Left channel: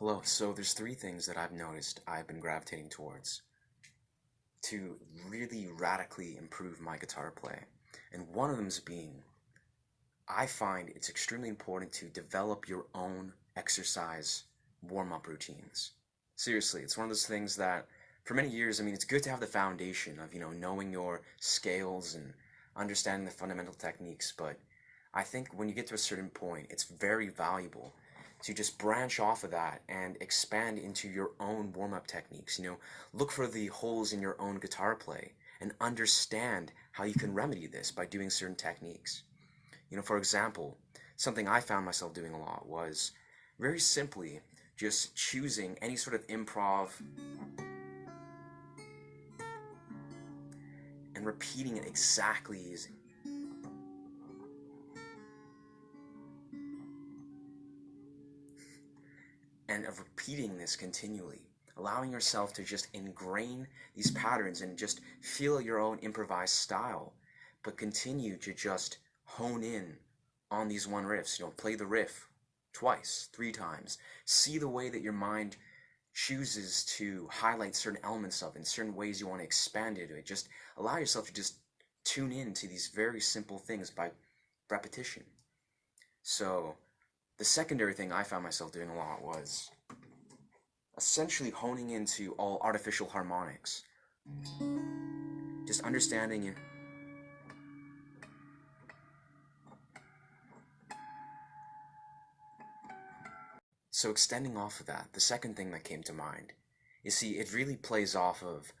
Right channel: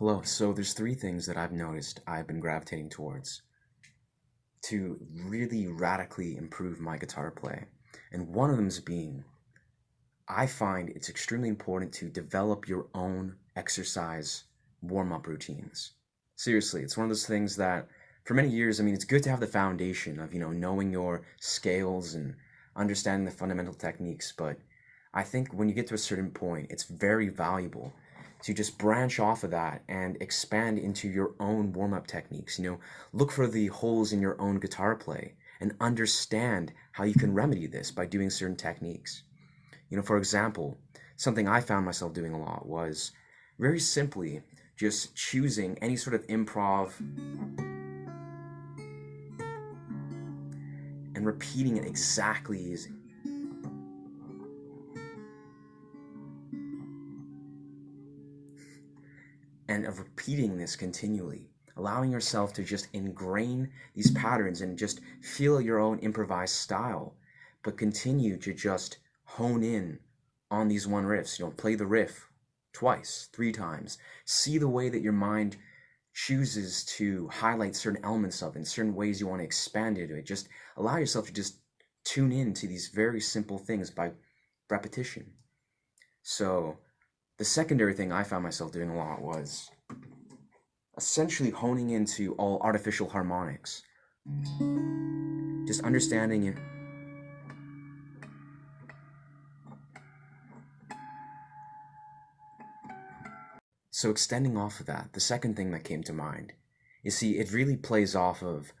Hello, so there's three things that I've noticed I've been gravitating towards to really radically improve my guitar play. And one of them is being, I find it's extremely important to develop your own exercise warm-up routines. Seriously, it's one of those things that for many years, it's good to have the foundation of, knowing your scales and understanding the fundamental techniques, but I think when you get to a certain point, it's very valuable to just branch off of that and expand into your own warm-up techniques. Look for the holes in your own guitar play and understand how you can remedy this by doing certain techniques. For example, something I found myself doing a lot was very simply just choosing any sort of improv and repeating it exactly as and of repeating this continually, allowing yourself to just ingrain these patterns and just feel your own improvised style, but continue to just hone in on these one riffs. Play the riff twice, three times. See the way that your mind chooses to highlight certain elements of it, and certain ways you want to expand into it. Just allow yourself to just tune in to these very simple things by repetition. So the secondary thing I found myself doing a lot was essentially honing into all artificial harmonics. Just understanding it. So extending off of that, the second thing that came to mind is, see, it really plays off of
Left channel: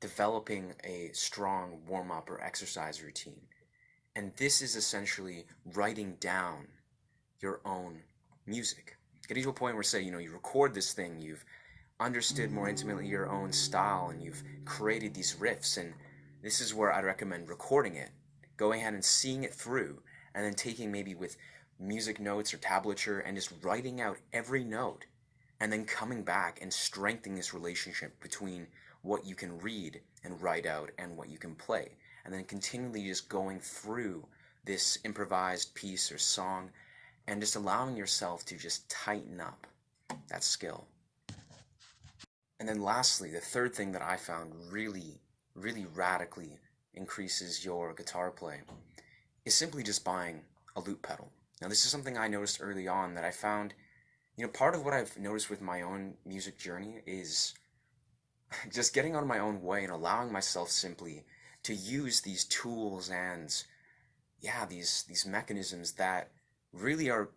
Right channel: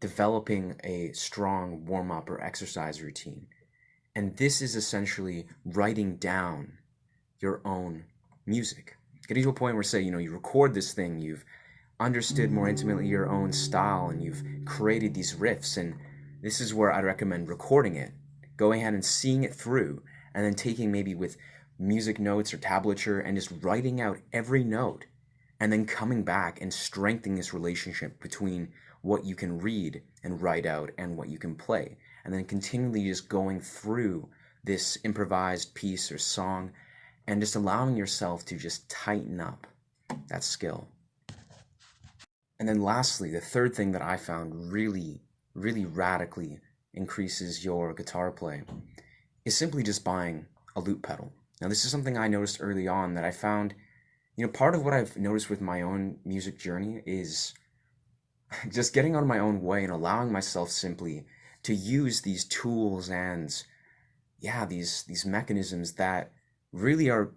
developing a strong warm-up or exercise routine. And this is essentially writing down your own music. Getting to a point where, say, you record this thing, you've understood more intimately your own style, and you've created these riffs, and this is where I'd recommend recording it, going ahead and seeing it through, and then taking maybe with music notes or tablature and just writing out every note, and then coming back and strengthening this relationship between what you can read and write out and what you can play, and then continually just going through this improvised piece or song and just allowing yourself to just tighten up that skill. And then lastly, the third thing that I found really, really radically increases your guitar play is simply just buying a loop pedal. Now, this is something I noticed early on that I found, part of what I've noticed with my own music journey is just getting out of my own way and allowing myself simply to use these tools and, yeah, these mechanisms that really are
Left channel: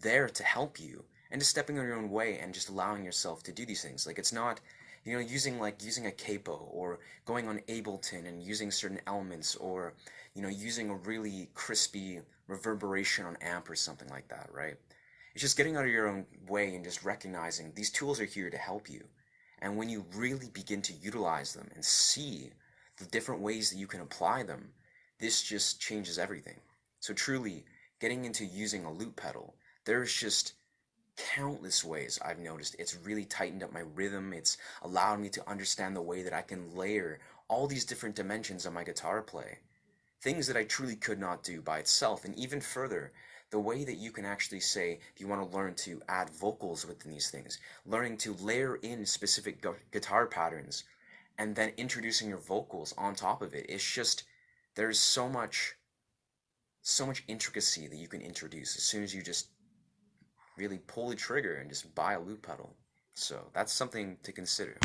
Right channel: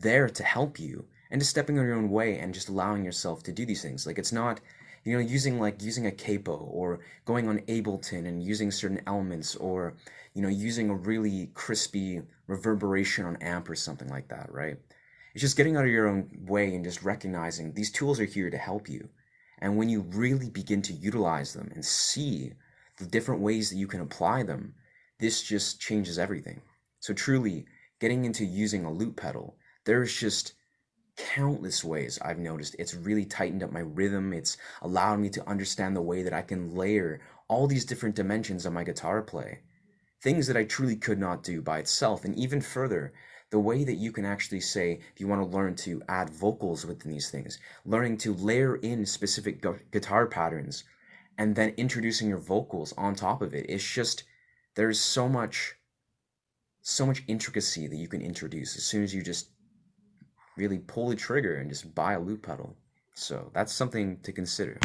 there to help you, and just stepping on your own way and just allowing yourself to do these things. Like, it's not, using a capo or going on Ableton and using certain elements, or, using a really crispy reverberation on amp or something like that, right? It's just getting out of your own way and just recognizing these tools are here to help you. And when you really begin to utilize them and see the different ways that you can apply them, this just changes everything. So truly, getting into using a loop pedal, there's just countless ways I've noticed it's really tightened up my rhythm. It's allowed me to understand the way that I can layer all these different dimensions of my guitar play. Things that I truly could not do by itself. And even further, the way that you can actually say, if you want to learn to add vocals within these things, learning to layer in specific guitar patterns, and then introducing your vocals on top of it. It's just, there's so much intricacy that you can introduce as soon as you just really pull the trigger and just buy a loop pedal. So that's something to consider.